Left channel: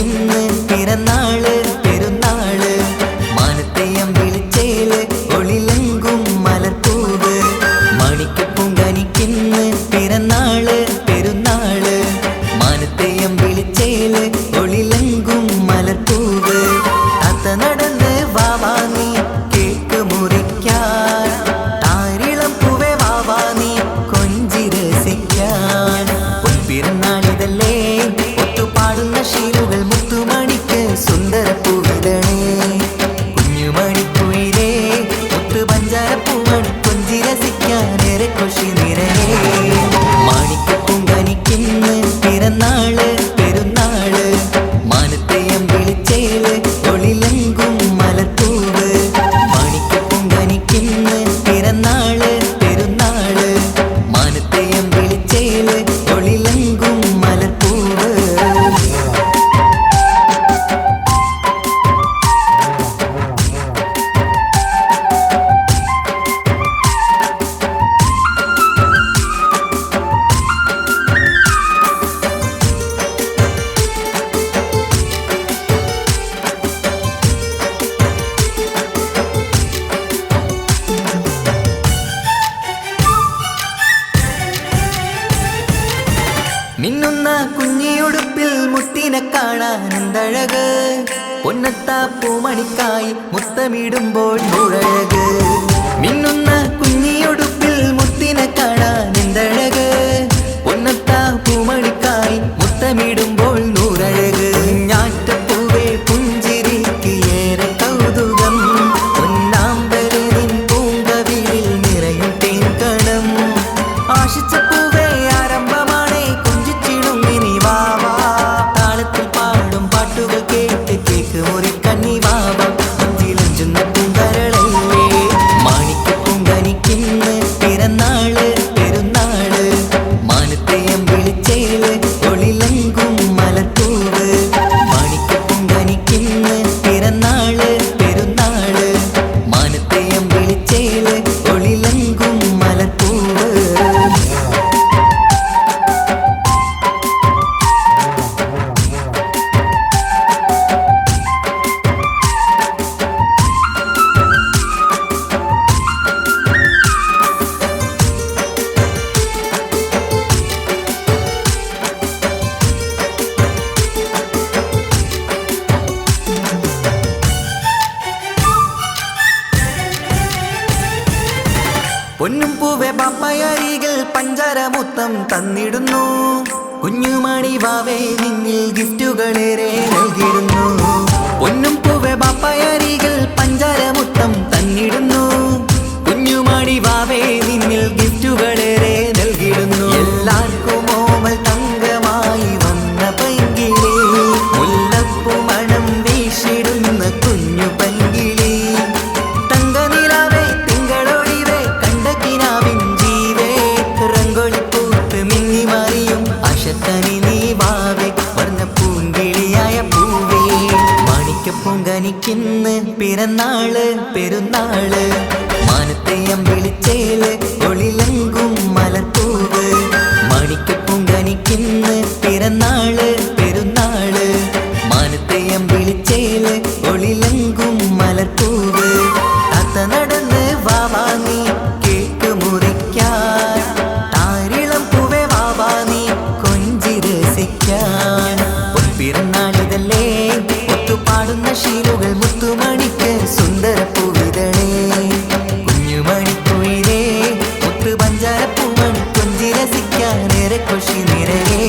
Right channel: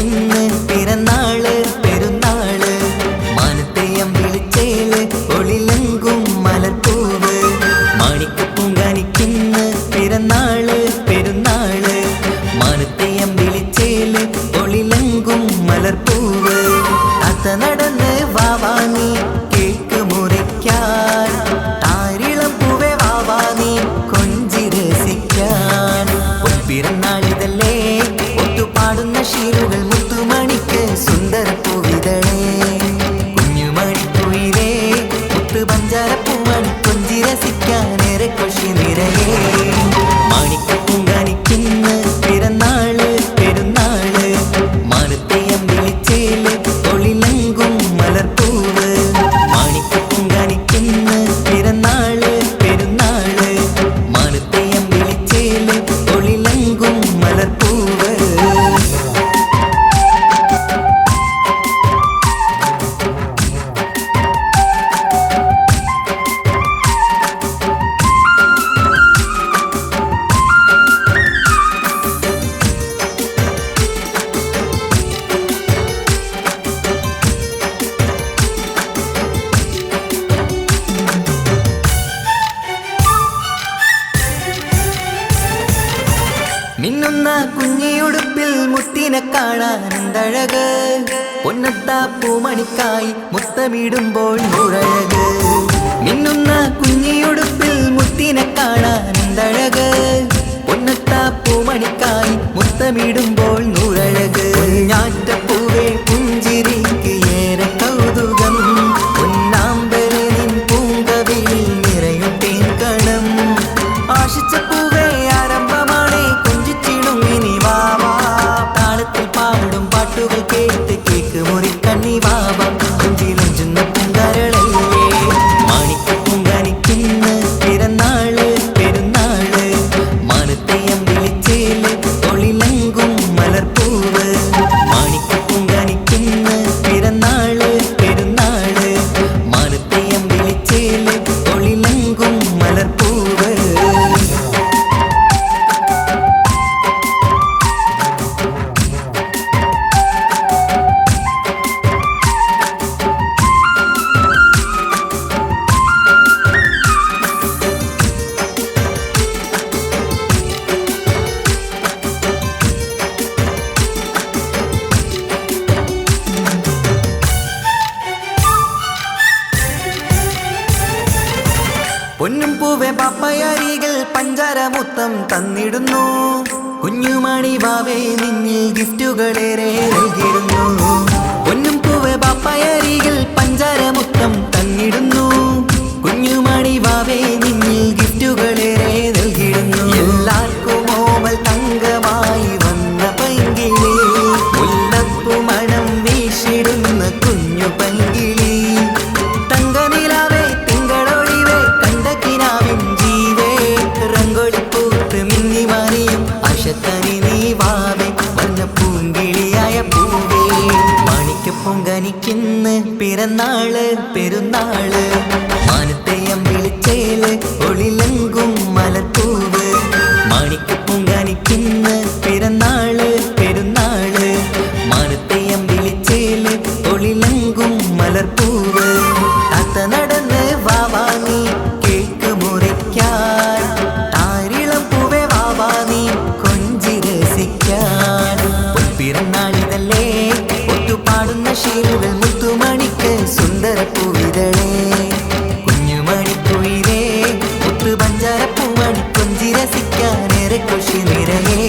പൊങ്കനിക്കിന്ന് പിറന്നാൾ പെരുന്നാൾ. മാനത്തെയം വിളിച്ചേൽ ഒളിലങ്കും മലർപ്പൂവ്. മാണിക്ക് പൊങ്കനിക്കിന്ന് പിറന്നാൾ പെരുന്നാൾ. മാനത്തെയം വിളിച്ചേൽ ഒളിലങ്കും മലർപ്പൂവ്. അത്ത നടന്ന് വാവാ നീ കേക്ക് മുറിക്കാൻ. താരിളം പൂവേ വാവാ നീ കൊഞ്ചി രസിക്കാൻ. പൊൻപിറന്നാളിതല്ലേ ഒത്തുപാടുന്ന ശീലുകൾ മുത്തുമണിക്ക് സുന്ദര പൂവിതളേ കുഞ്ഞുമണിക്കുയിലേ മുത്തു പഞ്ചാര പൂമണി കൊഞ്ചി രസിക്കാനേറെ കൊഷി നിറയേ. മാണിക്ക് പൊങ്കനിക്കിന്ന് പിറന്നാൾ മിന്നുന്ന കുഞ്ഞിയുടുപ്പിൽ മുത്തിനെ കാണാൻ എന്തഴക്? പൊന്നത്ത പൂമണിക്കായി മുത്തമിടുമ്പോൾ മുഴക് മിന്നുന്ന കുഞ്ഞിയുടുപ്പിൽ മുത്തിനെ കാണാൻ എന്തഴക്? പൊന്നത്ത പൂമണിക്കായി മുത്തമിടുമ്പോൾ നൂറഴക് കുഞ്ഞാറ്റപ്പൂവേ പുഞ്ചിരിക്ക് ഏറെ കൗതുകം. കേക്ക് മുറി കണ്ണി വാവ കൊഞ്ചിലഞ്ചുന്ന പൂങ്കരളല്ലേ? മാണിക്ക പൂങ്കനിക്കിന്ന് പിറന്നാൾ പൊന്നും പൂവെ പാപ്പയരികൾ പഞ്ചാരമുത്തം തന്നിടുന്നു. കുഞ്ഞുമണി വാവേ നിന്നിൽ ഗിഫ്റ്റുകളേറെ നൽകിടുന്നു. പൊന്നും പൂവെ പാപ്പയരികൾ പഞ്ചാരമുത്തം തന്നിടുന്നു. കുഞ്ഞുമണി വാവേ നിന്നിൽ ഗിഫ്റ്റുകളേറെ നൽകിടുന്നു. എല്ലാവർക്കും ഓമൽ അശക്കനി നീ വാവേ വർണ പൂങ്കിളിയായ പൂവേ. മാണിക്ക പൂങ്കനിക്കിന്ന് പിറന്നാൾ പെരുന്നാൾ. മാനത്തെയം വിളിച്ചേൽ ഒളിലങ്കും മലർപ്പൂവ്. മാണിക്ക പൂങ്കനിക്കിന്ന് പിറന്നാൾ പെരുന്നാൾ. മാനത്തെയം വിളിച്ചേൽ ഒളിലങ്കും മലർപ്പൂവ്. അത്ത നടന്ന് രസിക്കാൻ പൊൻപിറന്നാളിതല്ലേ ഒത്തുപാടുന്ന ശീലുകൾ മുത്തുമണിക്ക് സുന്ദര പൂവിതളേ കുഞ്ഞുമണിക്കുയിലേ മുത്തു പഞ്ചാരപ്പൂമണി കൊഞ്ചിരസിക്കാൻ ഏറെ കൃഷി നിറയേ.